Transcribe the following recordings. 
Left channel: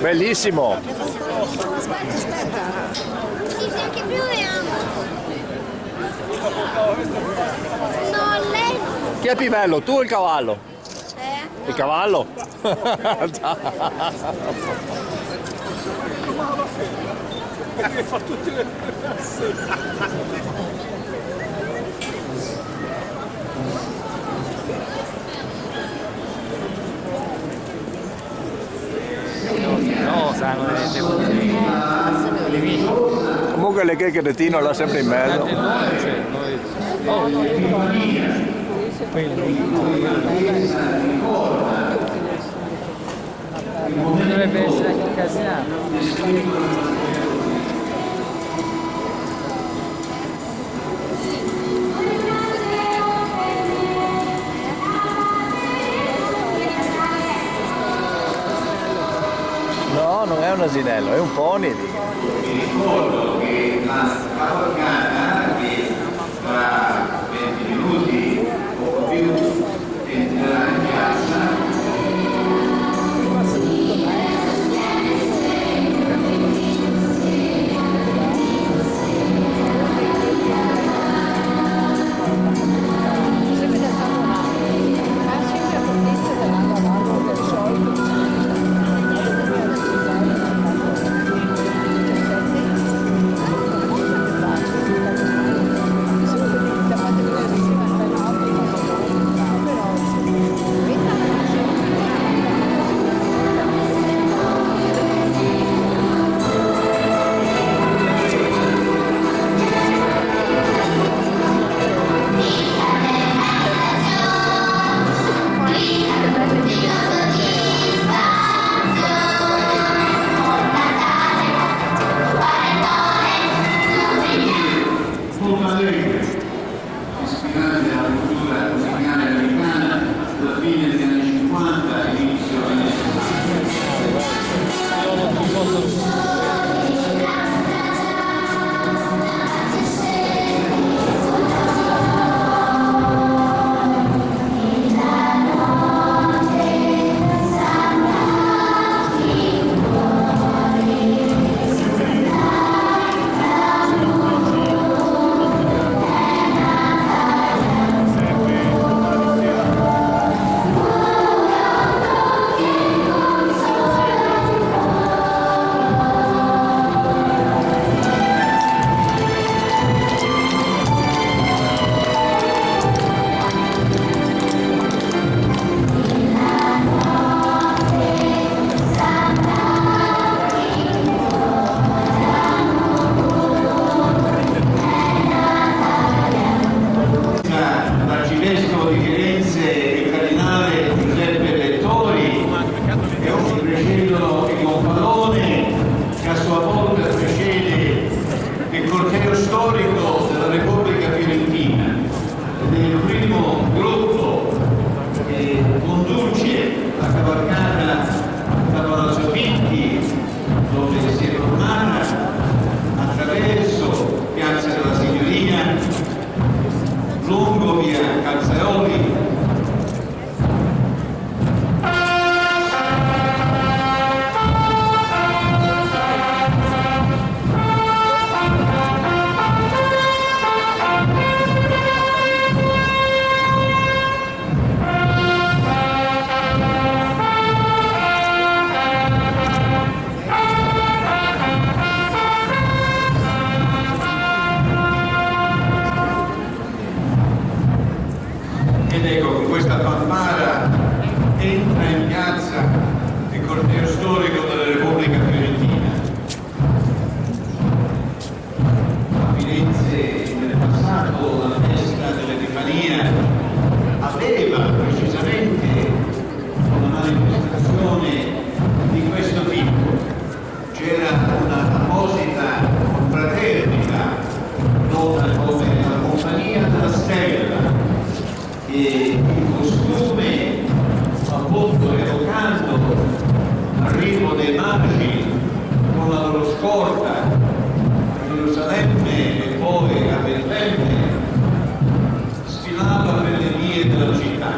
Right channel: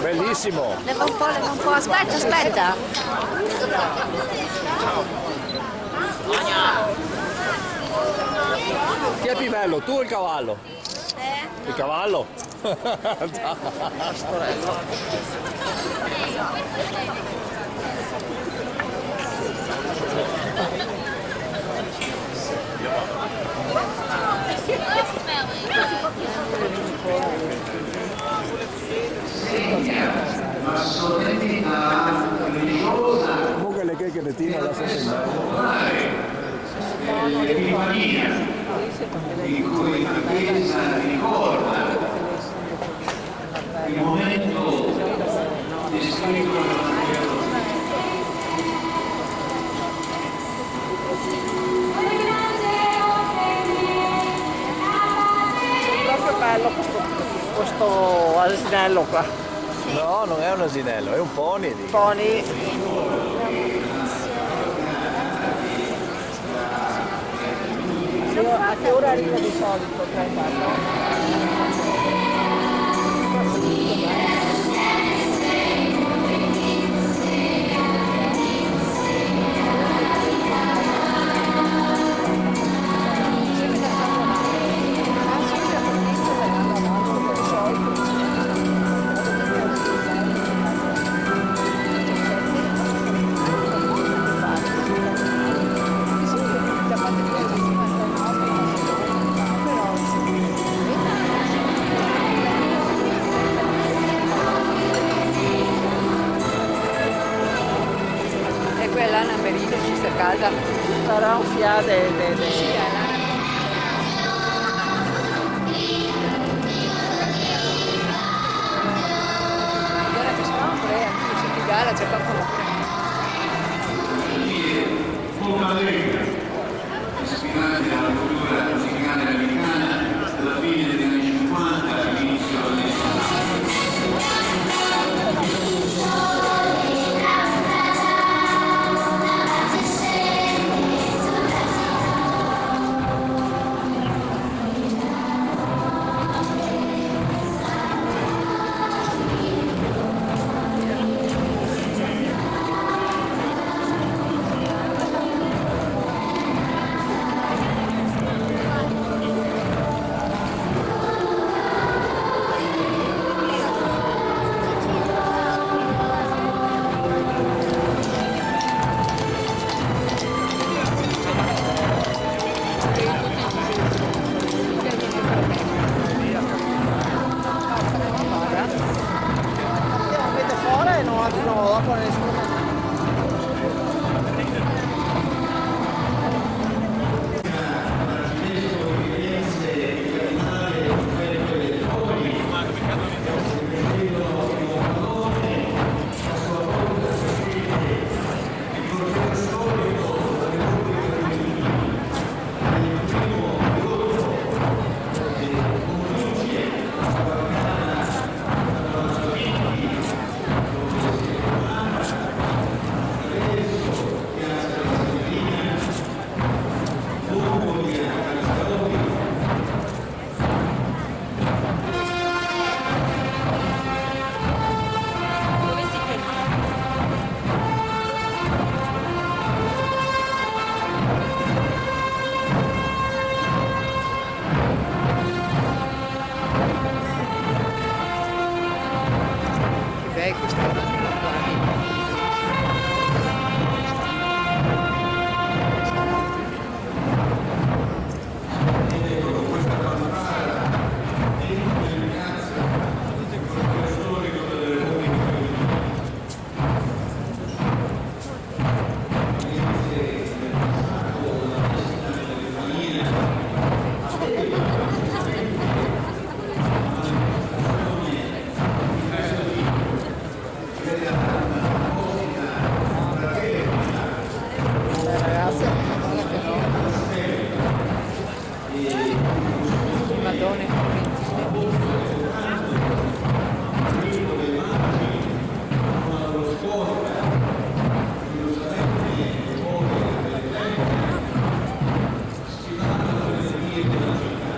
Bellissimo. Un po', aspetta. Chi è più bello, tu o il cavallo? Il cavallo? Comunque le che cretino là sempre in mezzo. Il momento Questo asinello qua. No, non è un asinello, è un pony. Pony. ricordo che la cavalcata che tra 20 minuti ispirati alla cultura musicale americana della fine degli anni 50 e inizio degli anni 60. L'arcivescovo di Firenze, il cardinale Giuseppe Lettori, è un fratello di Monfalcone, che a sua volta precede il corteo storico della Repubblica Fiorentina. È il primo gruppo che conduce la cavalcata da Palazzo Pinti, dove si è formata, attraverso Piazza della Signorina, lungo via Calzaroli, ed ecco con questa fanfara entra in piazza il corteo storico della Repubblica Fiorentina. Firenze nel passato, la festa dell'Epifania aveva precisamente una manifestazione di questo tipo. C'era una apposita fraternita come la compagnia della Stella, e il costume molto evocando l'arrivo dei magi con la loro scorta a Gerusalemme e poi a Betlemme sfilava per le vie della città.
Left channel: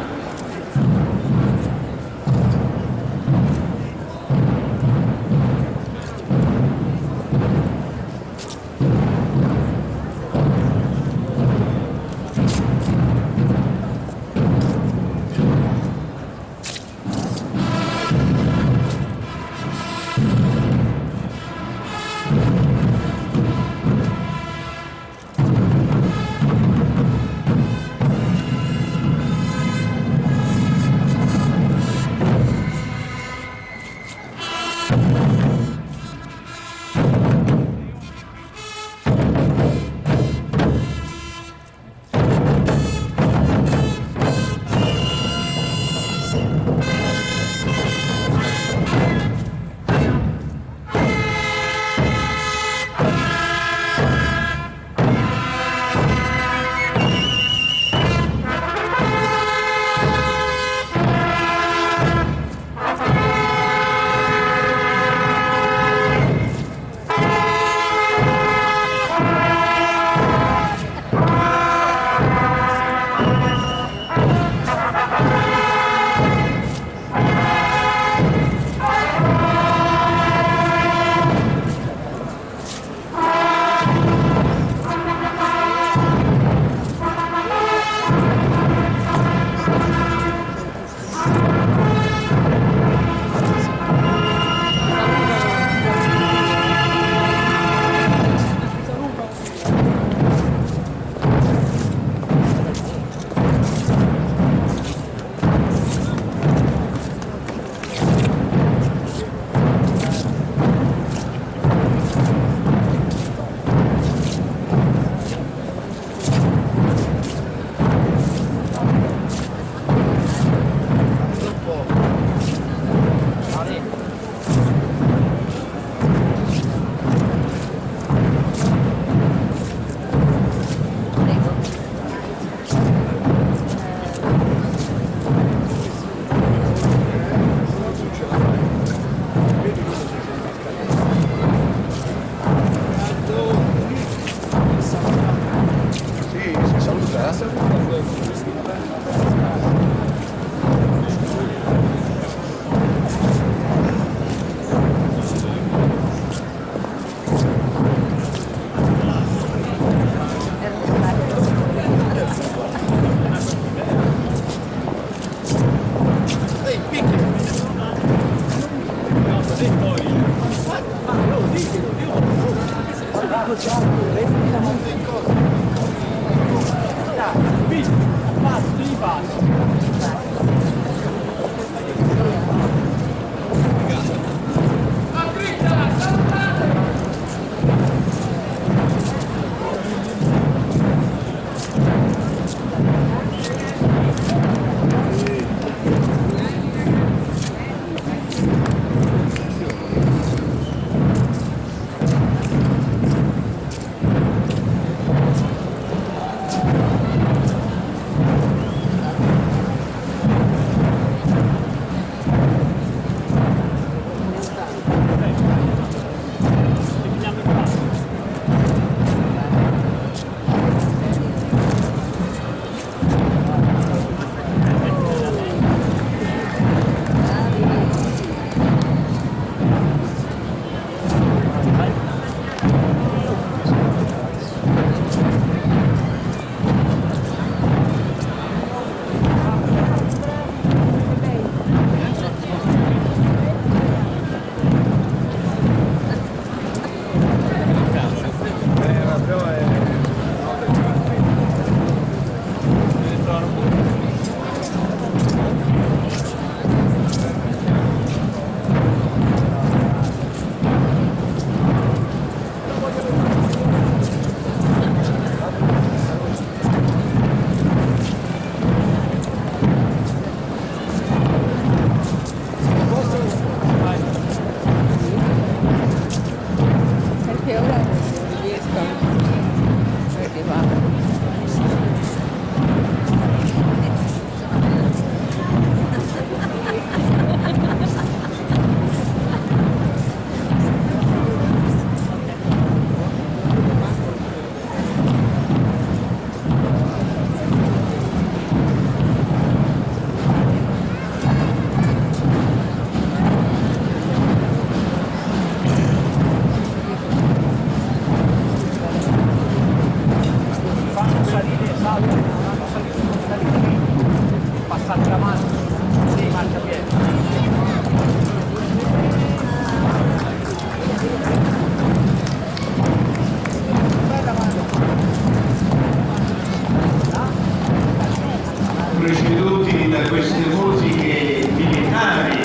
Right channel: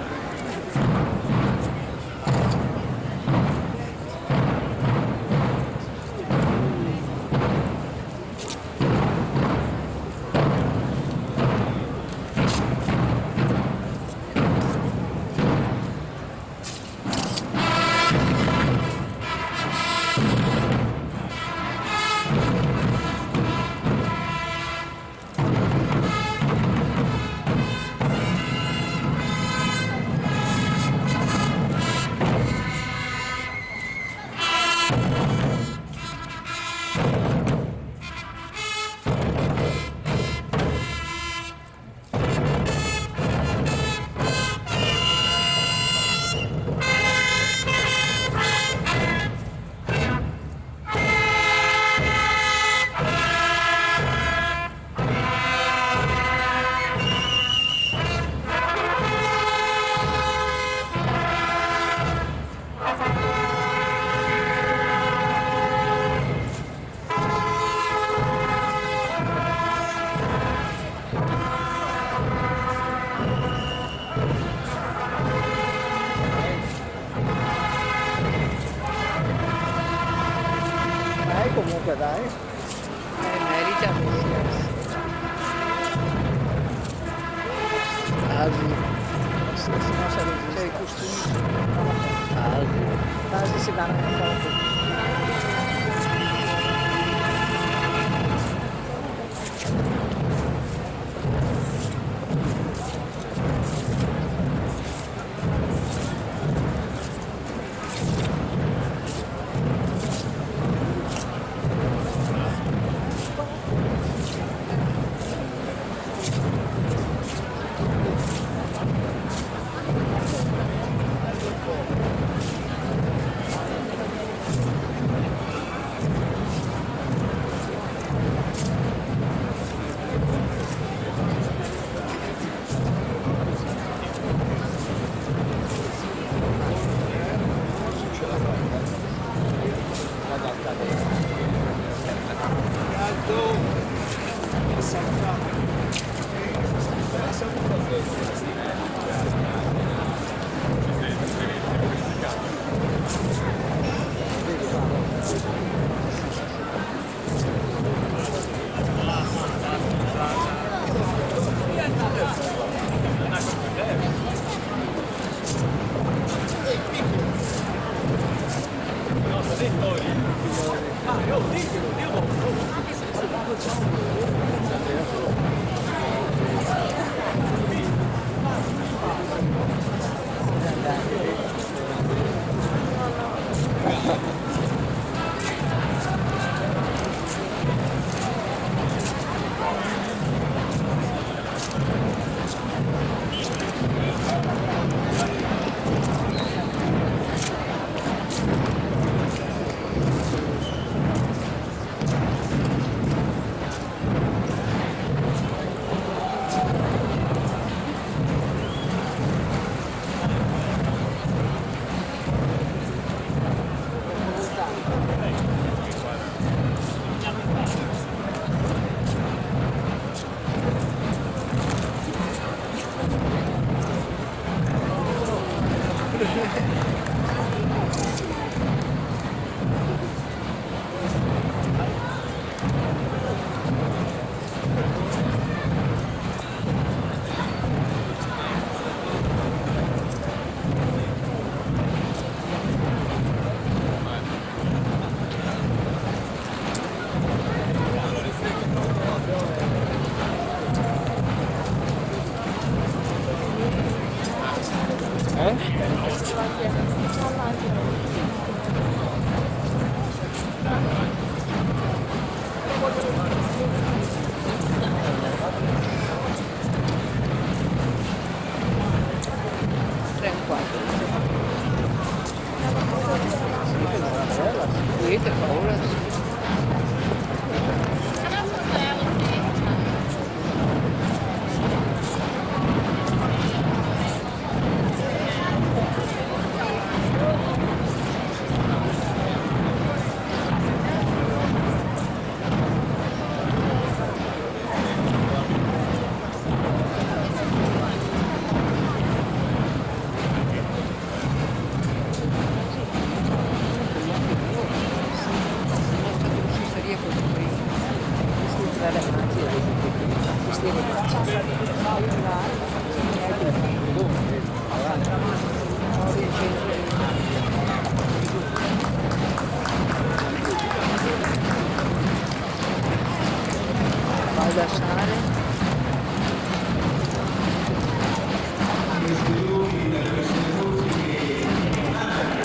preceduti da queste musiche militari,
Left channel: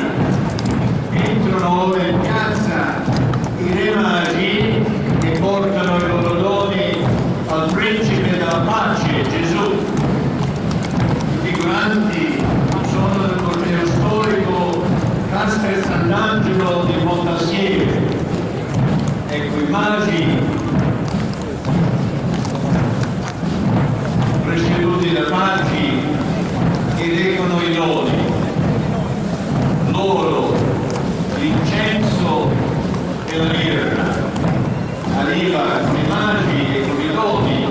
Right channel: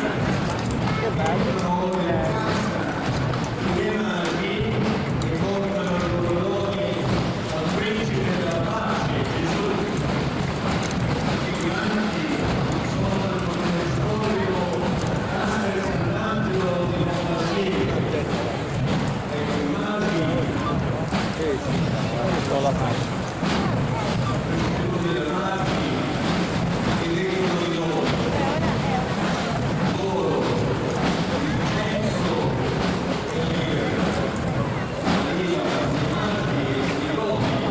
entrano ora in piazza i re magi che portano i loro doni al principe della pace, Gesù. I figuranti sono del corteo storico Castel Sant'Angelo di Montassieve. Ecco i magi preceduti da magi che leggono i doni, l'oro, l'incenso e la mirra, arriva i magi e i doni,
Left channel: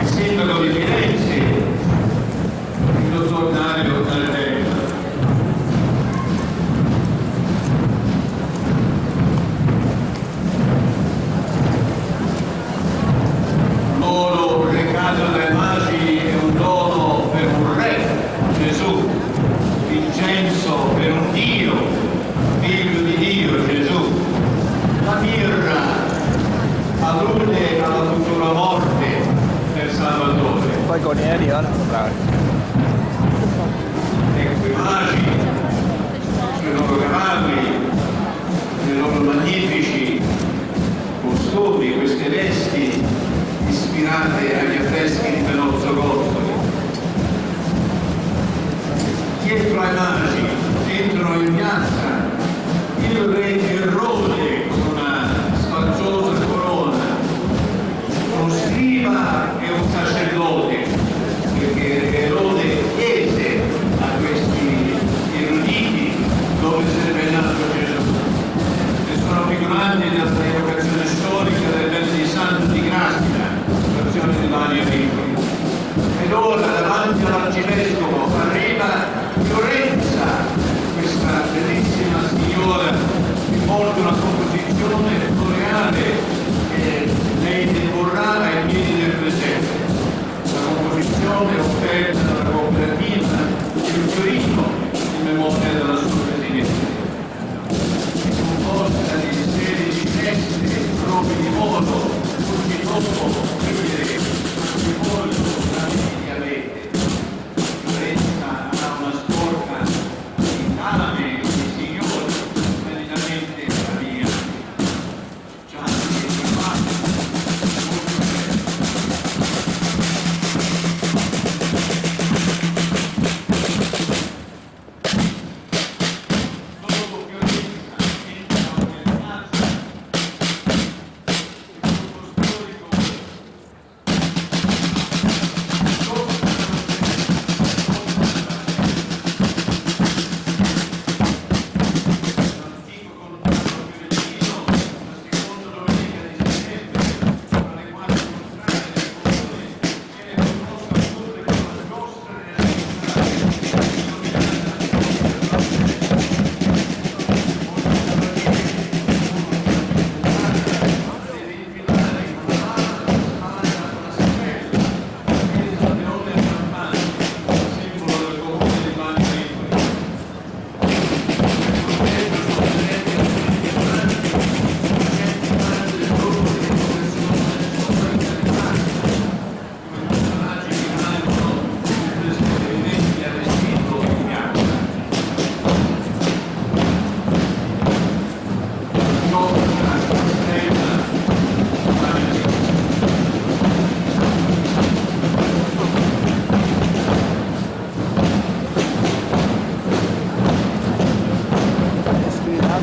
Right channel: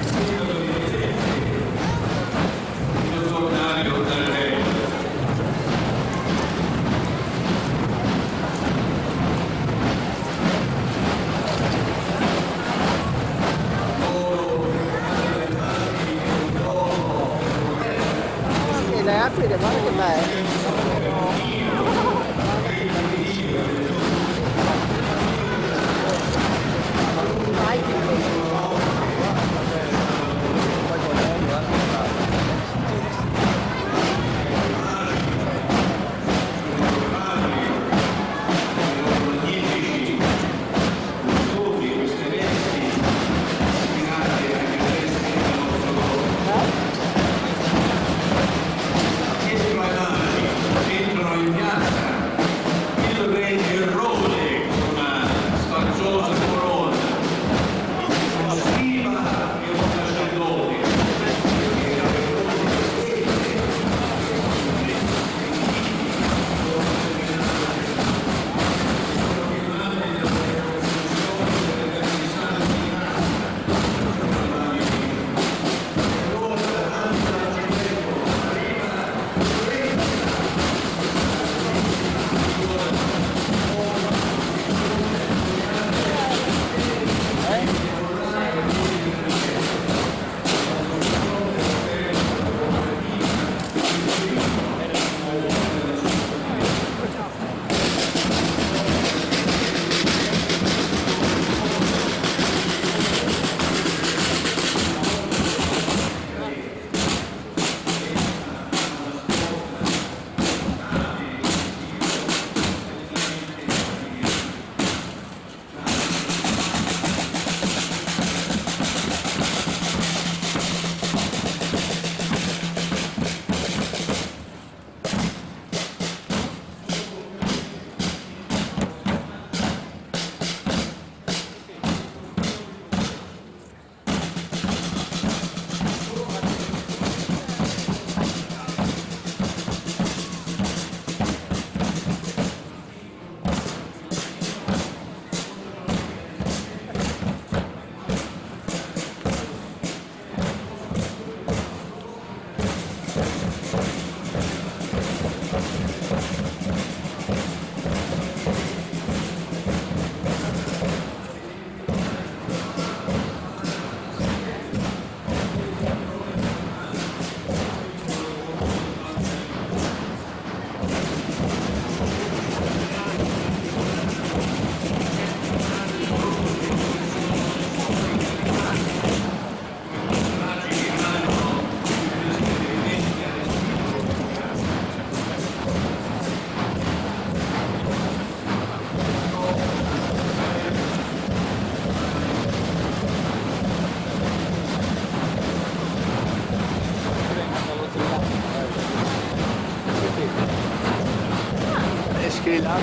il sindaco di Firenze, il dottor Dario Daldello. L'oro recato dai magi è un dono per un re, Gesù. L'incenso per un Dio, figlio di Dio, Gesù. La mirra allude alla sua morte per Salvatore. Poi con Eri al contrario. Ecco i magi, i loro cavalli, i loro magnifici costumi, queste vesti ispirate agli affreschi di Benozzo Godo. Dietro ai magi entrano in piazza il re Errode con una sfarzosa corona, uno scriba e un sacerdote, perché Errode chiede a questi eruditi dove sarebbe nato Gesù. E sono figuranti della preoccupazione storica delle vesti di santi di grazia, l'azione di Mario Dio. Ed ora davanti all'arcivescovo arriva Lorenza, questa bellissima signora, molto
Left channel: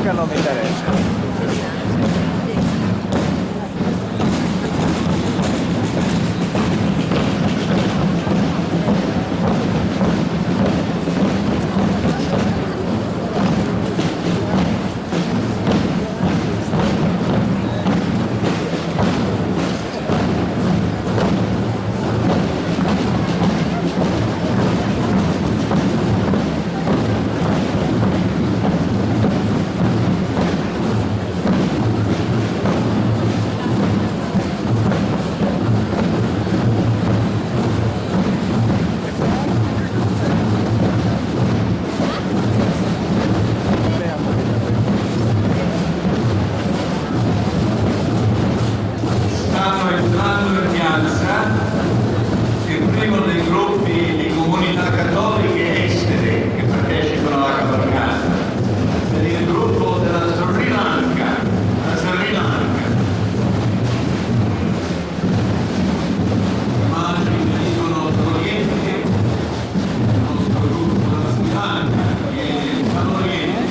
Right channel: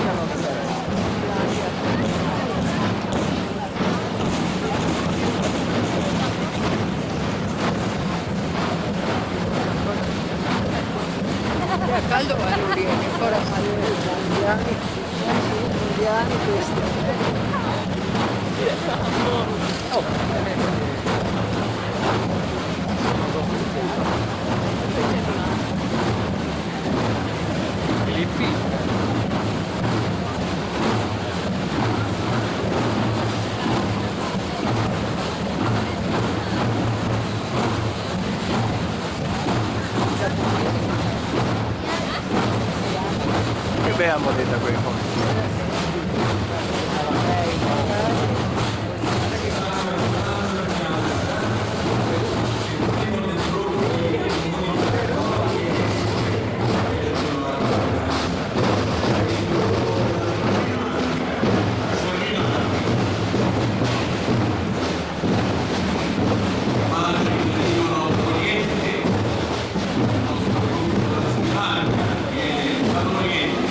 Bianca non mi interessa. Caldo quando viene, ancora Che bella moneta quei Stanno entrando in piazza il primo dei gruppi di comunità cattoliche estere che partecipano alla cavalcata. È il gruppo della Sri Lanka. La Sri Lanka. Immagini che venivano dall'Oriente, il nostro gruppo della Sri Lanka viene dall'Oriente.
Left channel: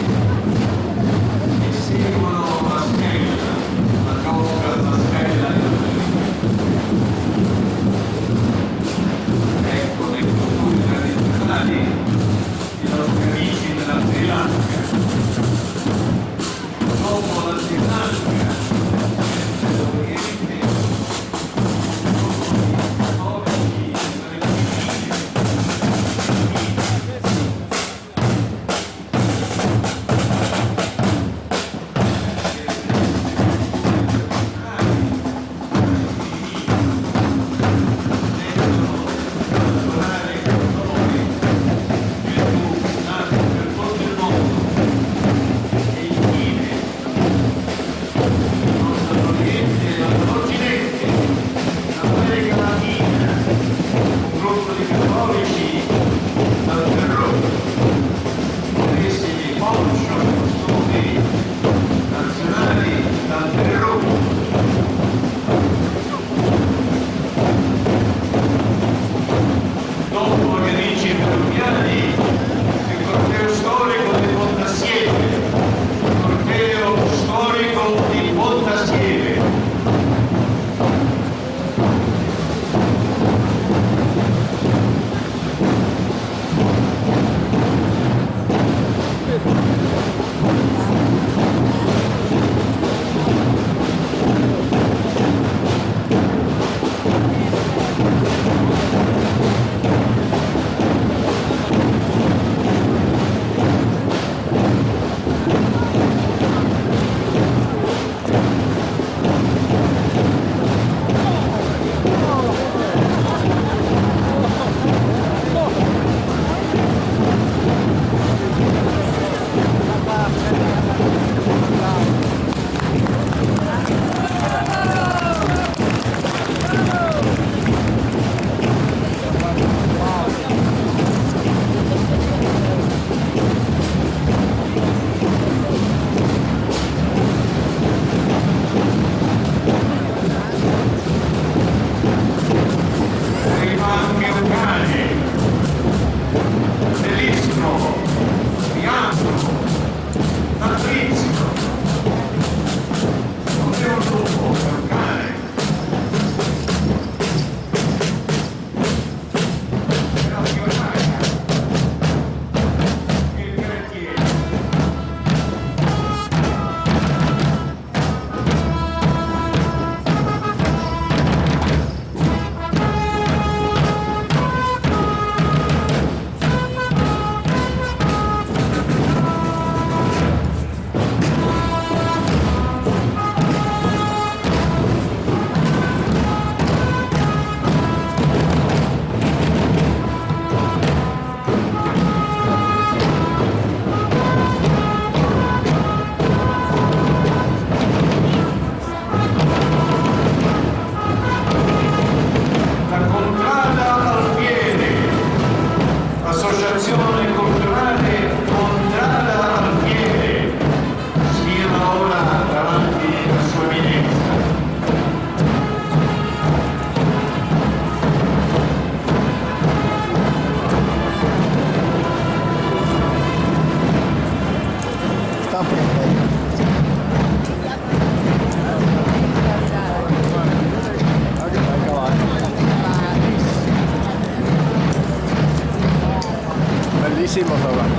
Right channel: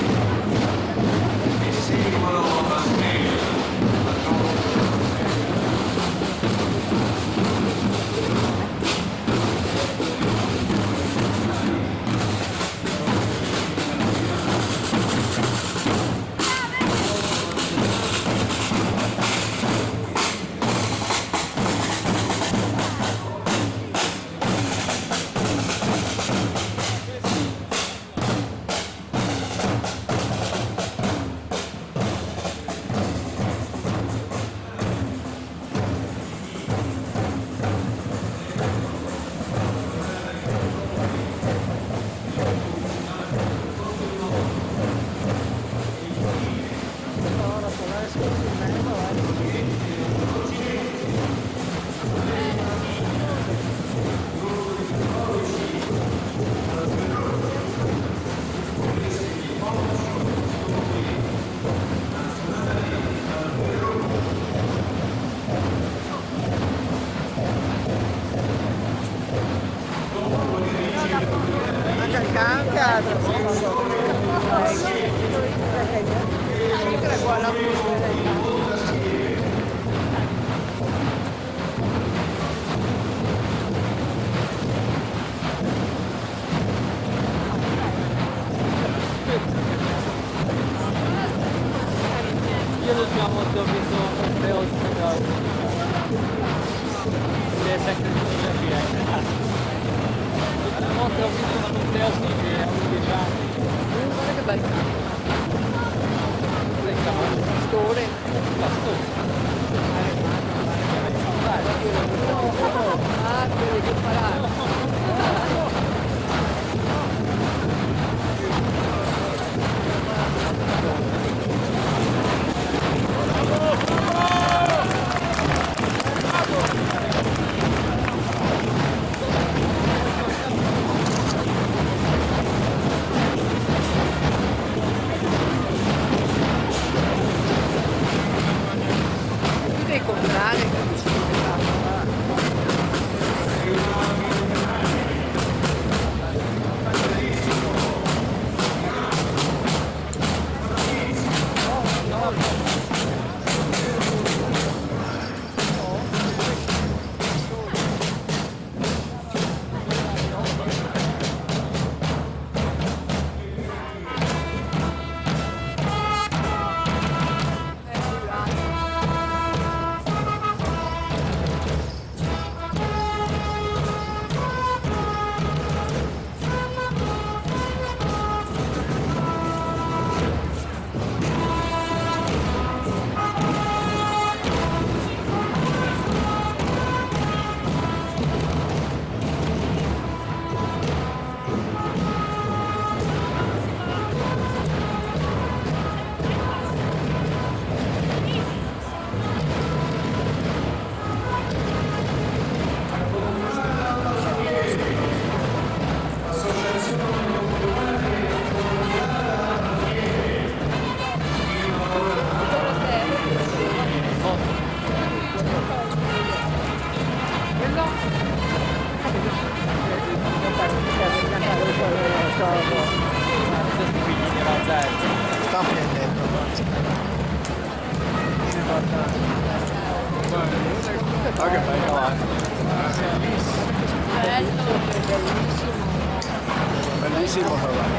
Bellissimo Savano.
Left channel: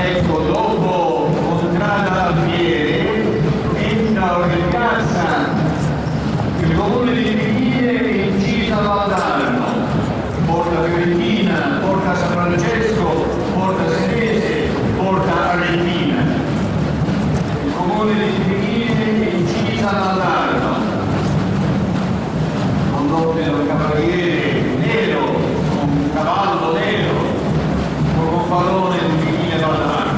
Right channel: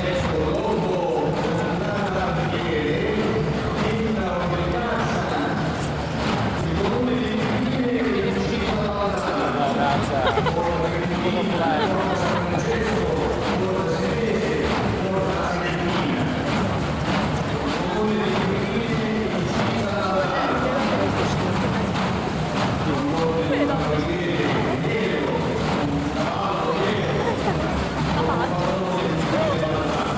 Ecco, dopo Contrada Alfieri, entra Orcassa, il comune di Figlie e Incisa Valdarno, Porta Fiorentina, Porta San Francesco, Porta Senese, Porta Arentina. Il comune di Figlie e Incisa Valdarno, con l'ordine del cavaliere nero, un cavallo nero, con un pallone di Figlie Valdarno.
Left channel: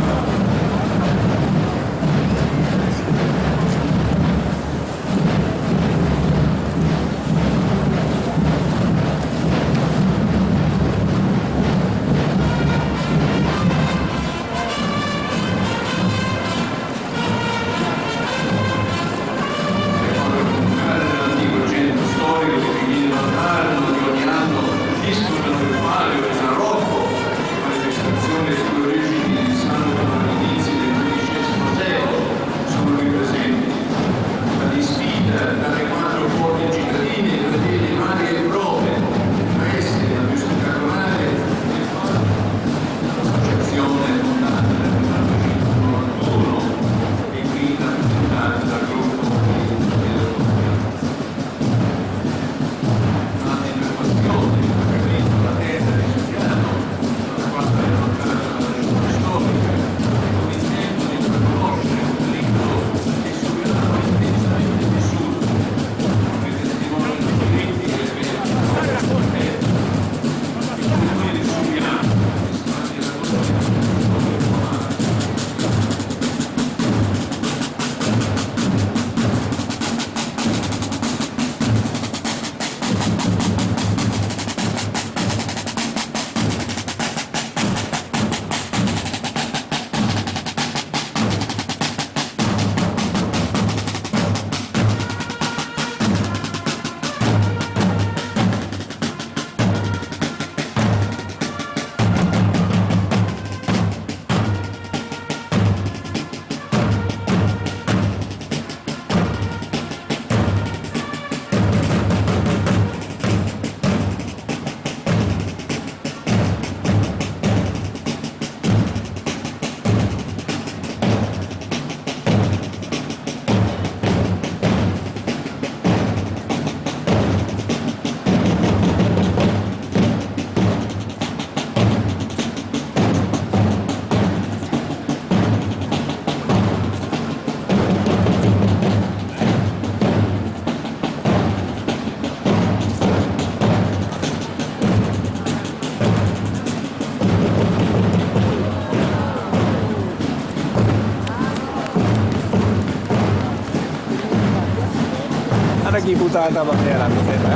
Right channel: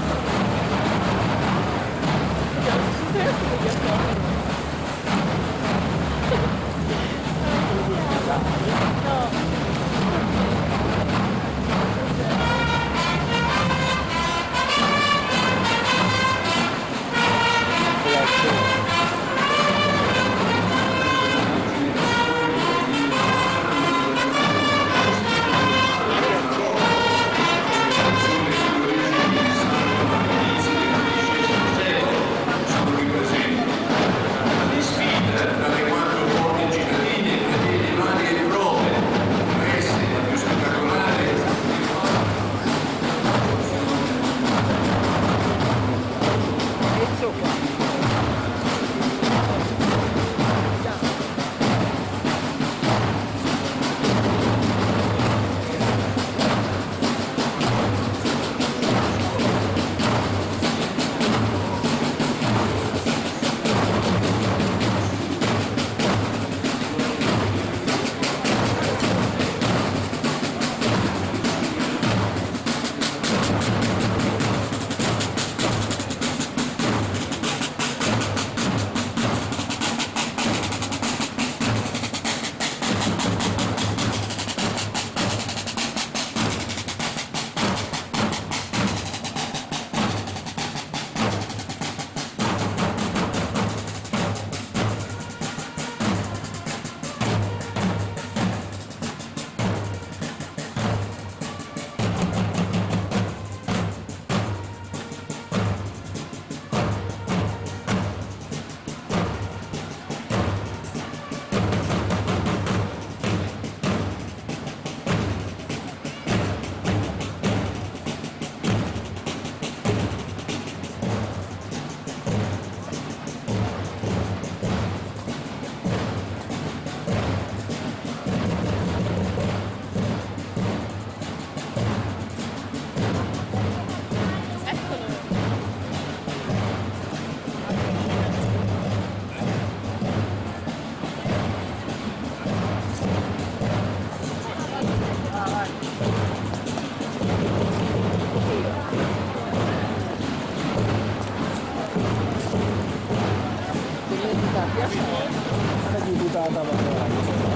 Ainakin puhutaan tavan elämisestä.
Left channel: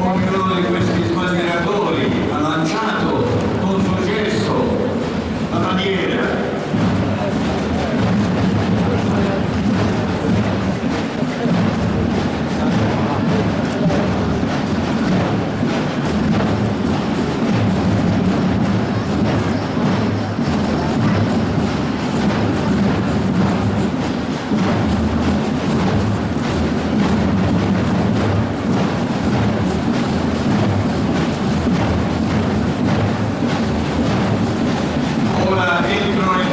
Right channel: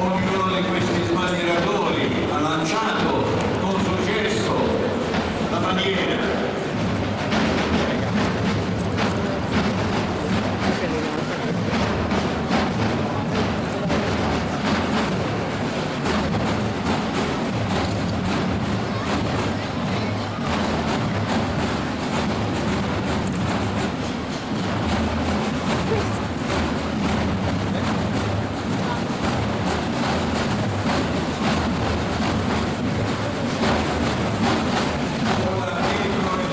Ognuno di questi sbandieratori ha lanciato con successo la bandiera. Ora entrano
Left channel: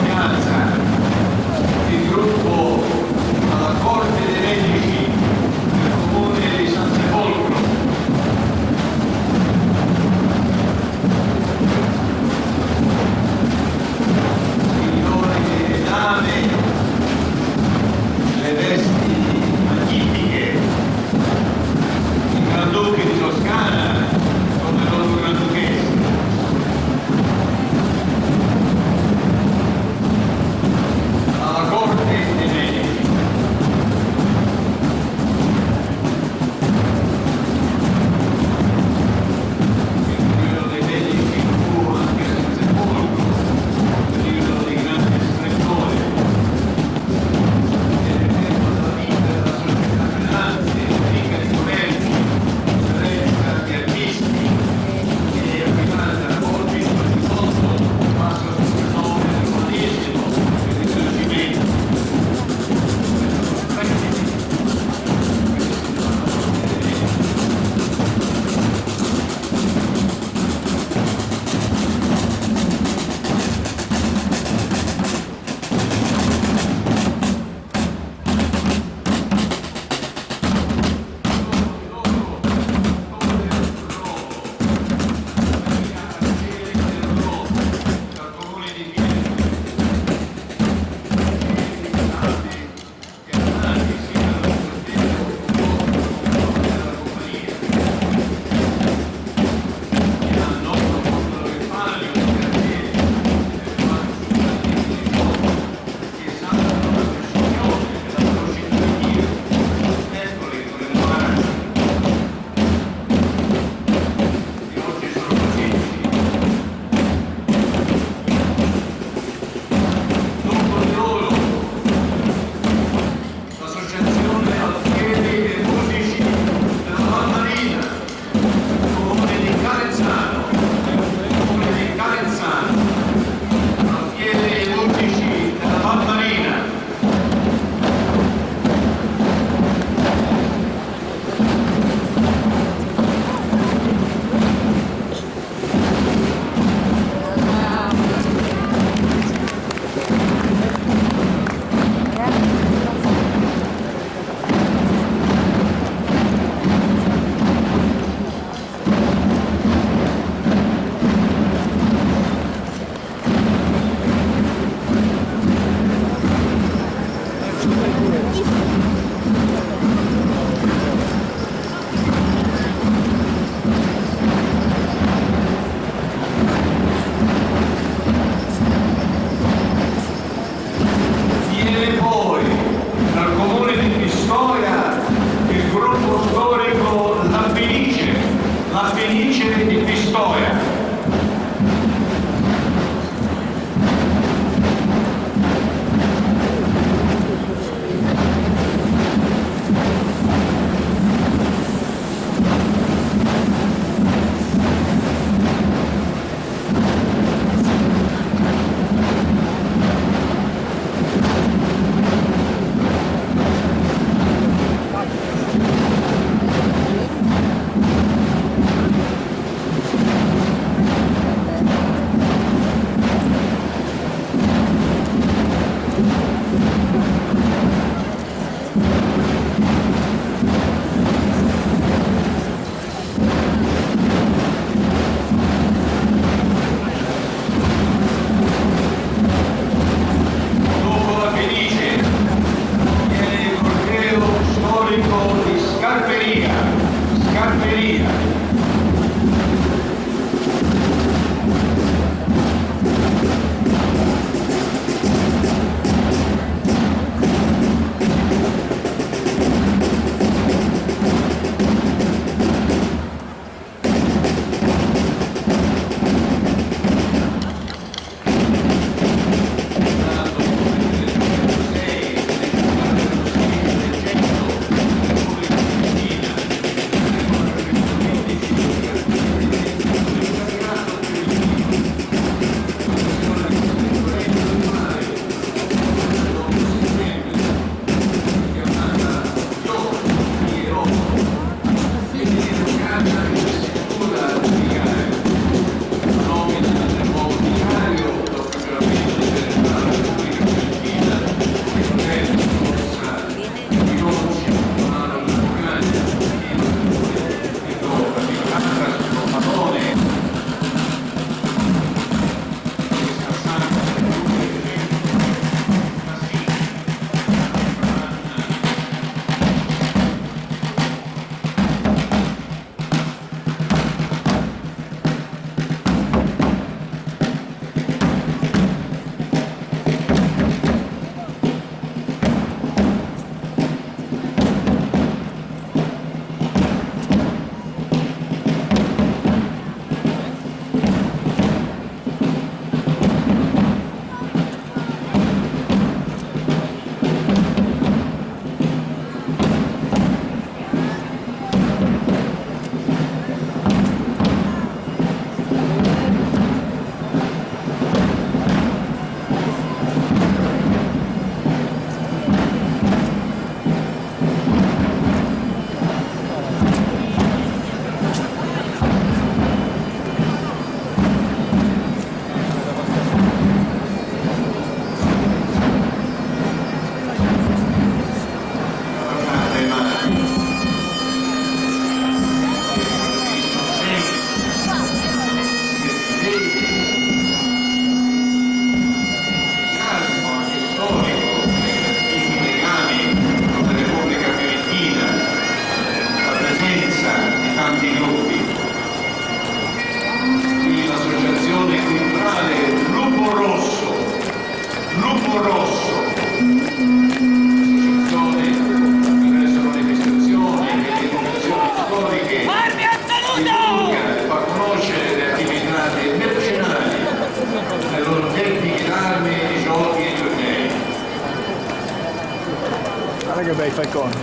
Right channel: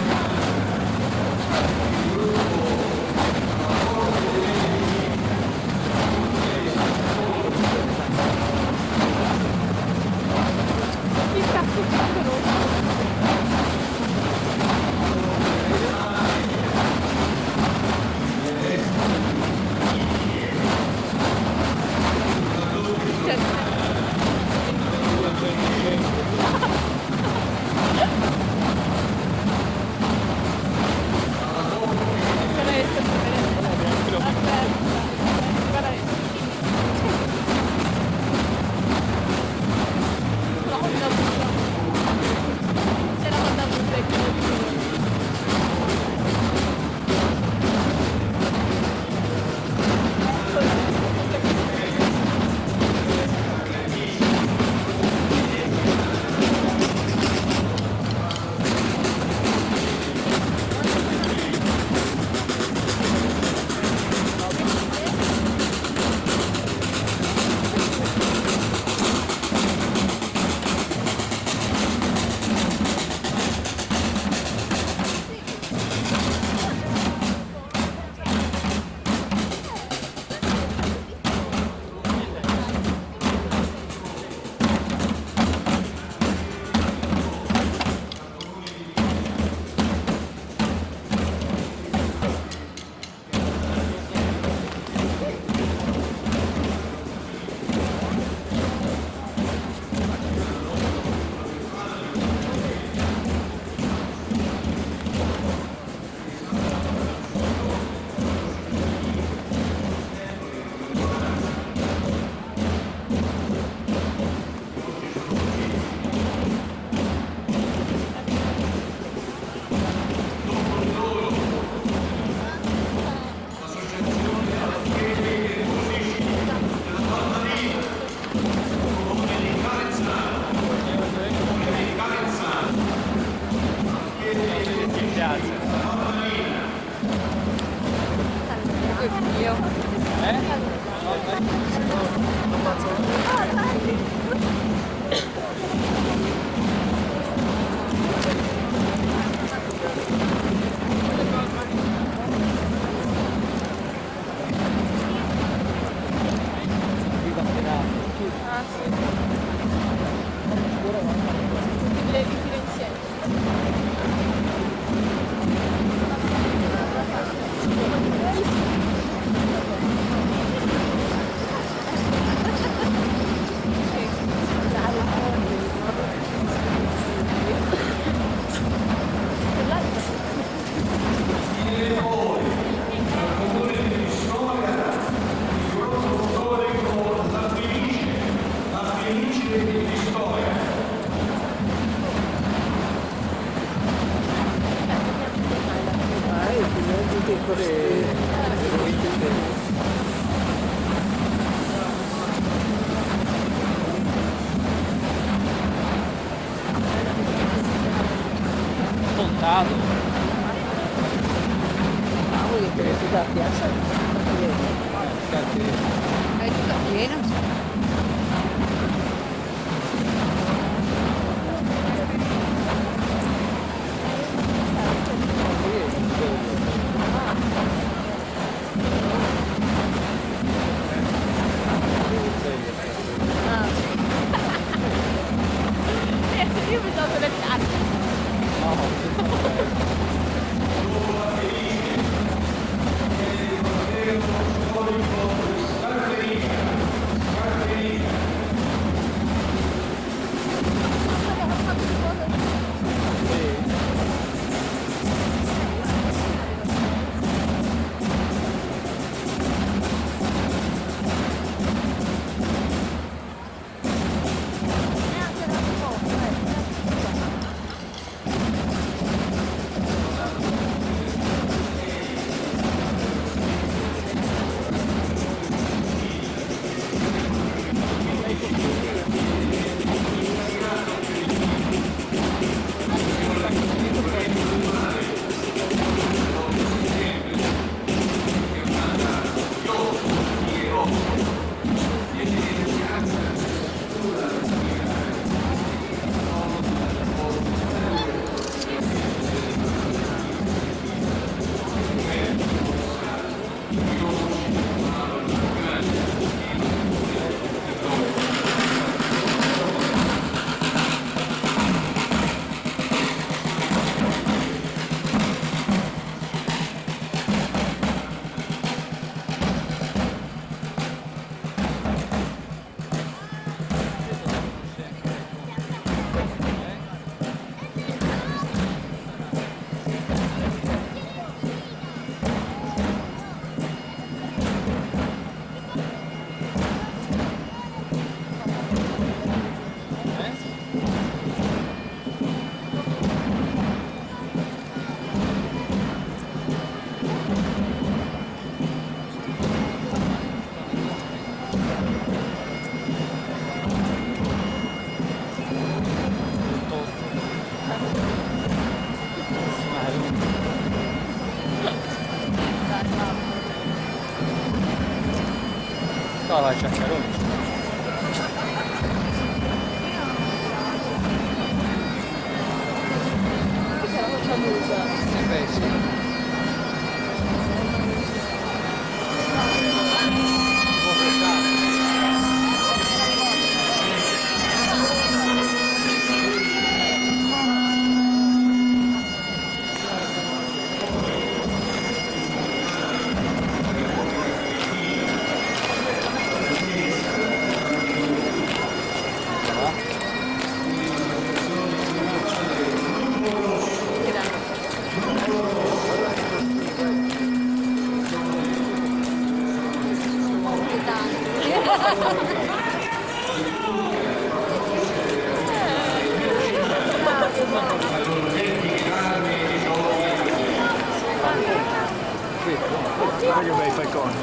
che bei falconi.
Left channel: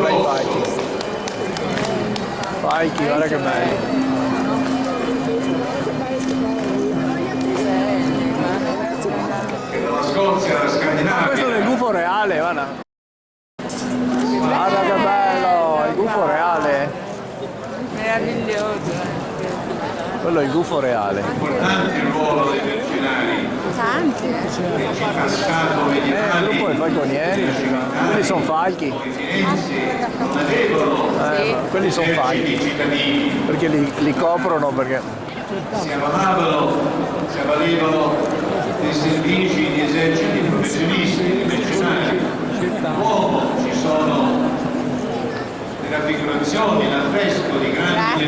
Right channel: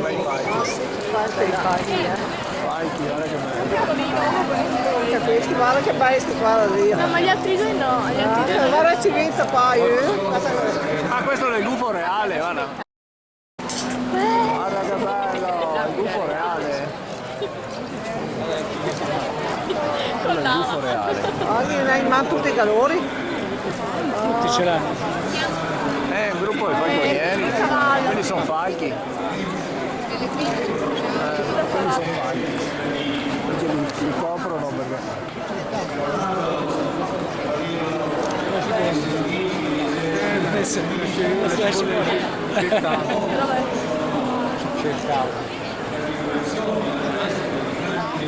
Bei falchi. Falchi, guarda che belli. Guarda che belli sti qua via. Ma gli altri due no, gli altri due. Guarda ci vita poi. Ah, questo è il gufo reale, guarda. Guarda che bello, il gufo reale. Quello è il gufo reale. Ma tutti i calori. È un gruppo di falconieri, quelli sono falchi. Quelli sono falchi. Perché li coprono perché. si armavano, si avvalevano dei servizi di eserciti professionisti, ci sono le raffigurazioni, l'affresco di grandi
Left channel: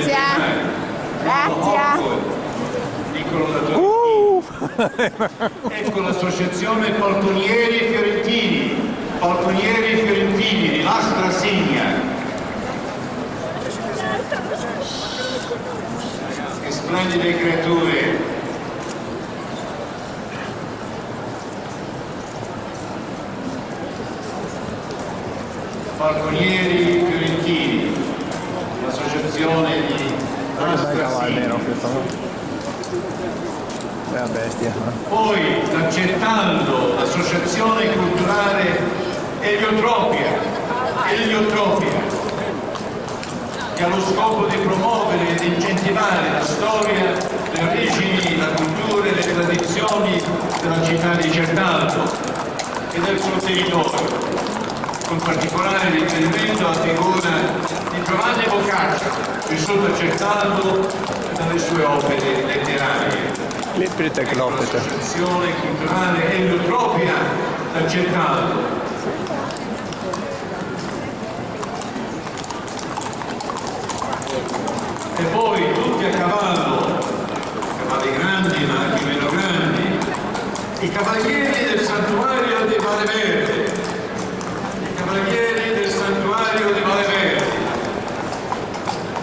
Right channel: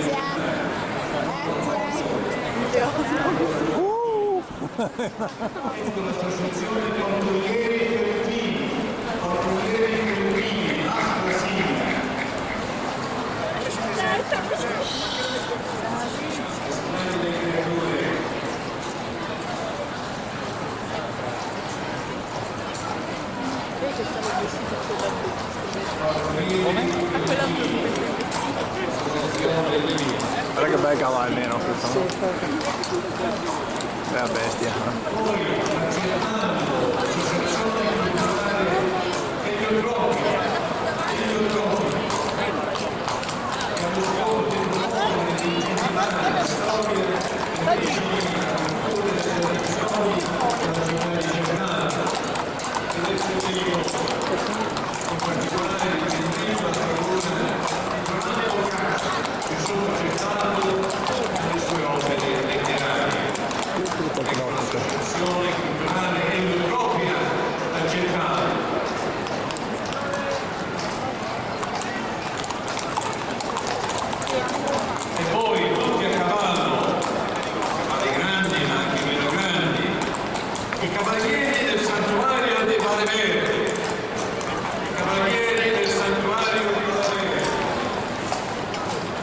ecco l'associazione Falconieri Fiorentini, Astra Signa. Che splendide creature. Falconieri Fiorentini, associazione di... Guarda che bel cavallo nero questo. È una bestia. Poi accettando l'associazione culturale Eliotropia, che ha lo scopo di promuovere ed incentivare la storia, le origini, la cultura e le tradizioni della città di Certaldo e del suo territorio, con particolare riferimento alla figura di Giovanni Boccaccio, vissuto a Certaldo dalle sue opere letterarie. L'associazione culturale Eliotropia da Certaldo. E poi tutti a cavallo, cavalli grandi ma anche meno grandi, i cavalieri del santuario di Valle Verde,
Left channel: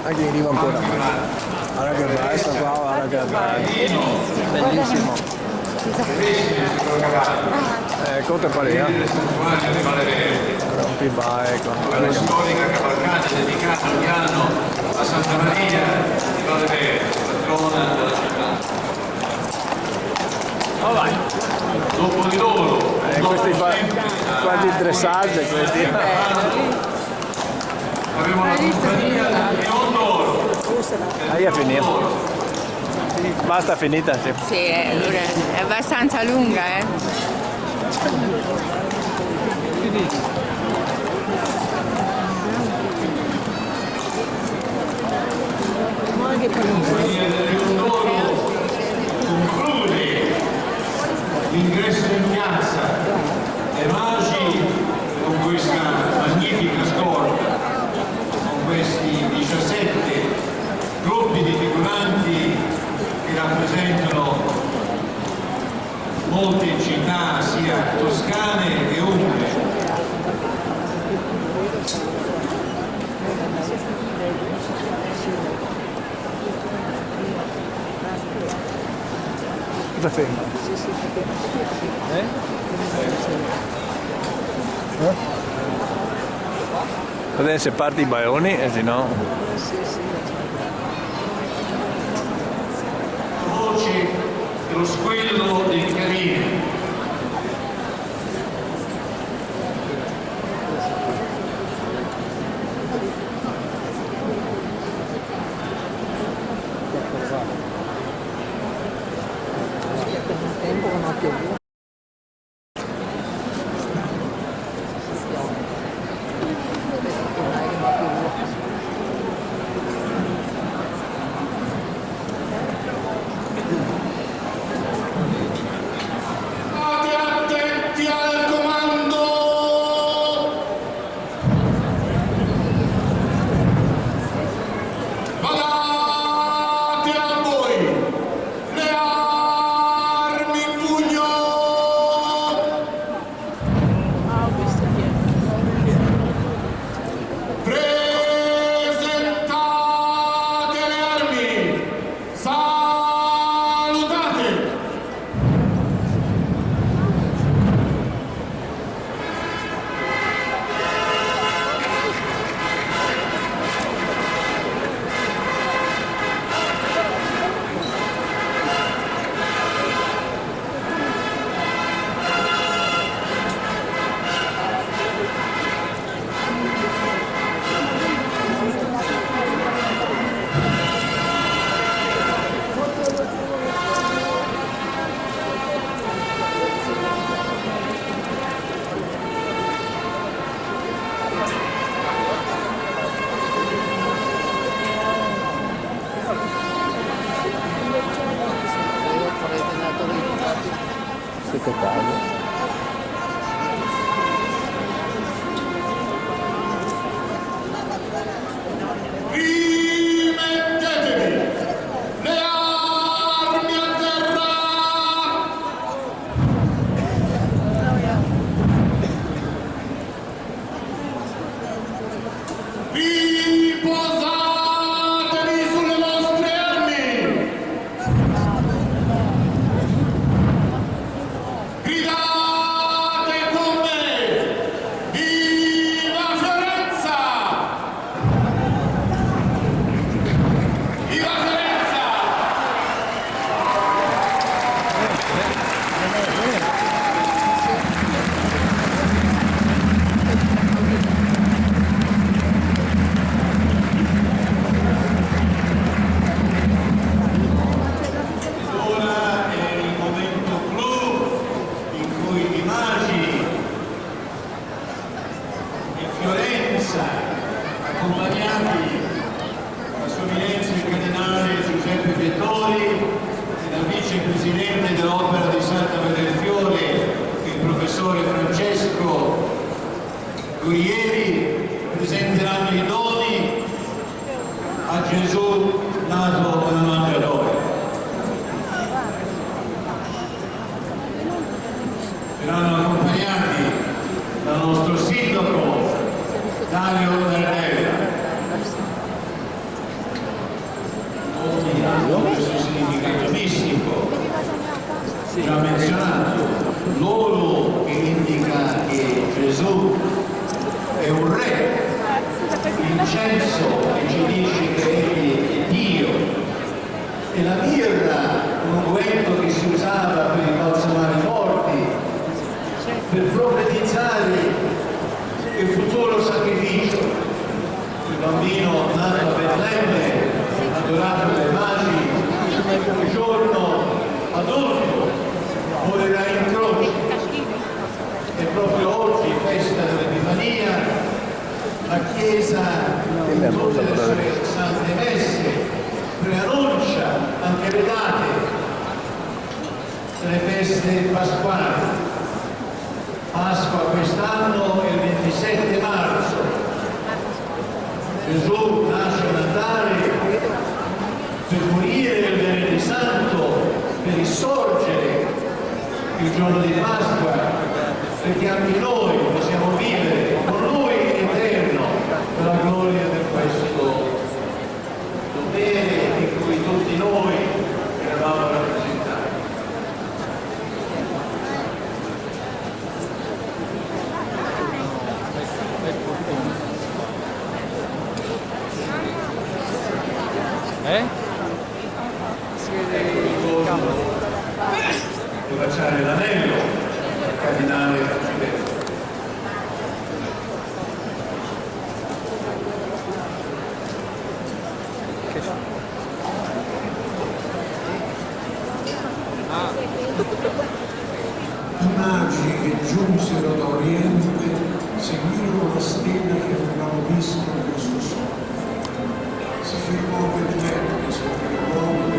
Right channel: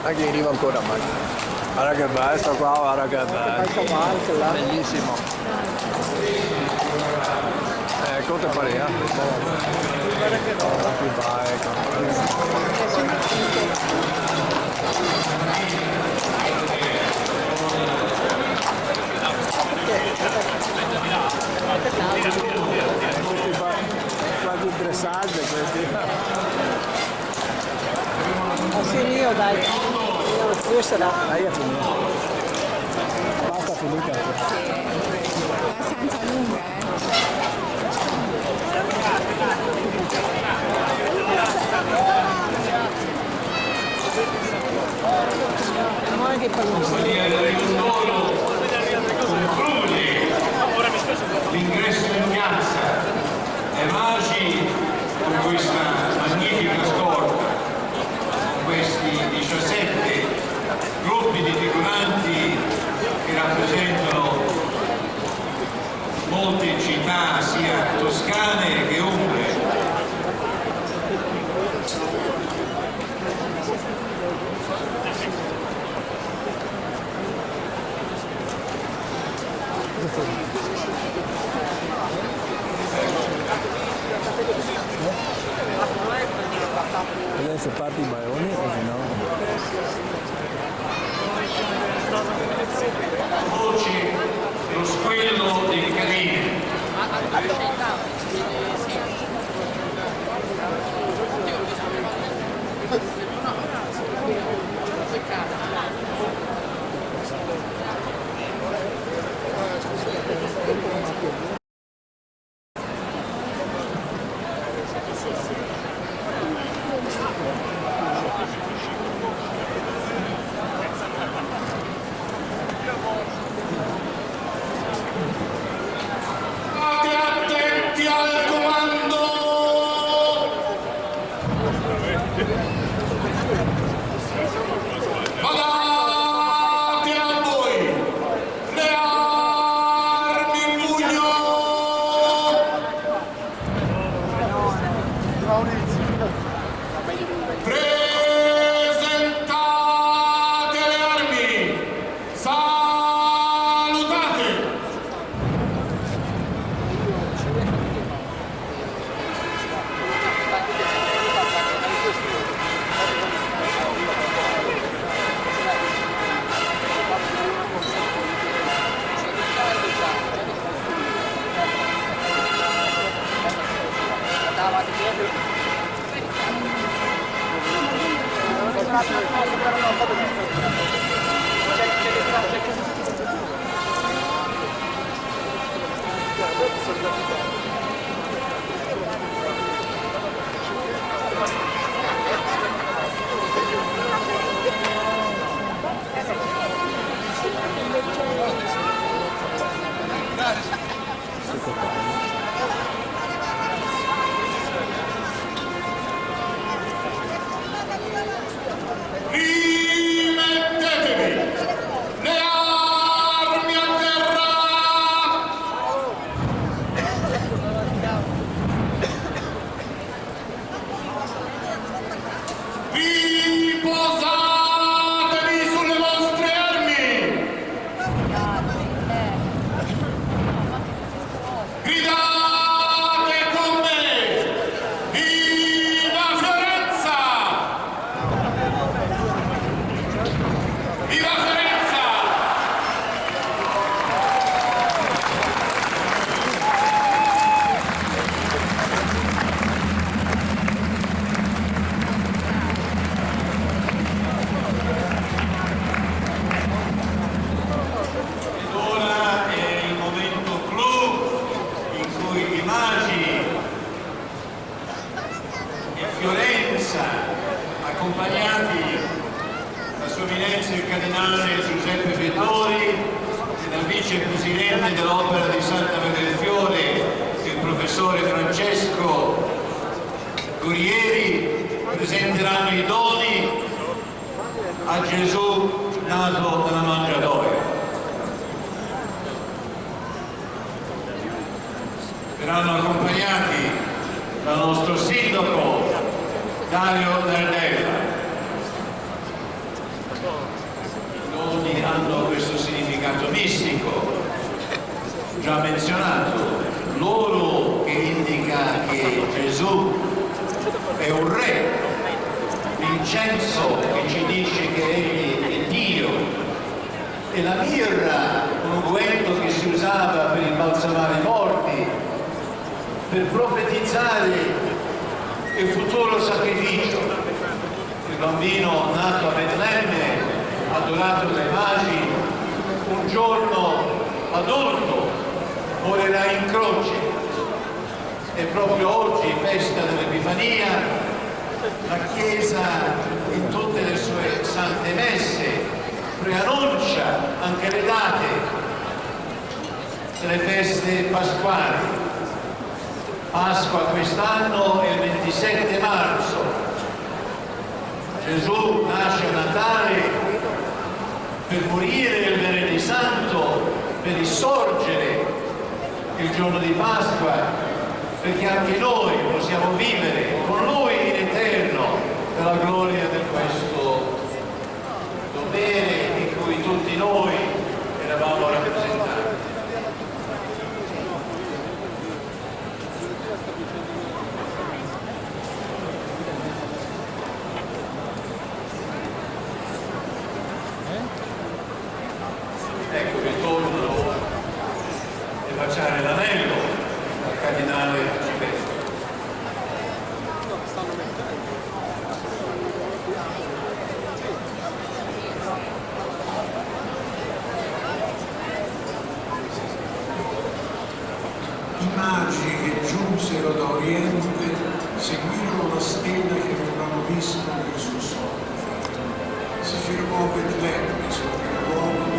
Anche arriva ancora mai. Guarda che bello sto qua, guarda che bello. Bellissimo. Conte Parea. Più vai, guarda che storica cavalcata dedicata a Milano a Santa Maria di Valle Verde, patrona della città. questi quasi dressage questi. Abbiamo la compagnia di Ondoro. Ahí è finito. Basta, finita. Sì. Sì, è abbastanza lunga, Compagnia del Riondoro conclude l'ingresso in piazza e Magi con questa magnifica scorta, con questi 17 gruppi di figuranti che rappresentano molte città sia toscane che umbre. Cosa fai? Vedete se parti i baioni e se no... Voci e lo squillo dei canini. Attenti al comando! Badate a voi! Le armi in pugno! Ecco qua. Rimettetevi le armi a terra! Riposatevi sulle vostre armi! Gridate con me! Viva Fiorenza! Viva Fiorenza! Ed ora è il momento clou in cui i magi e Fiorenza, accompagnati da Sua Eminenza il Cardinale Giuseppe Vettori e dal Vicepresidente dell'Opera di Santa Maria del Fiore, il Professore Francesco Guerrieri, presenteranno i doni a Gesù nato alla mangiatoia. Verranno accompagnati dal nostro sindaco Dario Nardella. Doni hanno questo significato mistico già menzionato, l'oro che indica che Gesù è un re, l'incenso che ci dice che egli è Dio, e la mirra, un unguento che si usava per imbalsamare i morti, per profetizzare il futuro sacrificio. Il bambino nato a Betlemme, adorato dai magi, un giorno adulto morirà in croce. E proprio oggi, festa dell'Epifania, la Chiesa in tutte le sue sante messe preannuncia anche le date delle feste pasquali. Pasqua quest'anno è il 27 marzo. Gesù nasce a Natale per morire il venerdì santo, per risorgere il giorno di Pasqua, perché anche noi possiamo vivere con Lui in eterno per la gloria di questo dovere di cui tutti noi eravamo rappresentati. Ecco, ritorno e baciare l'anello al Cardinale Giuseppe. I magi che giunsero da Oriente seguirono la stella che avevano visto nel suo sogno. Si fermò a Betlemme sopra il luogo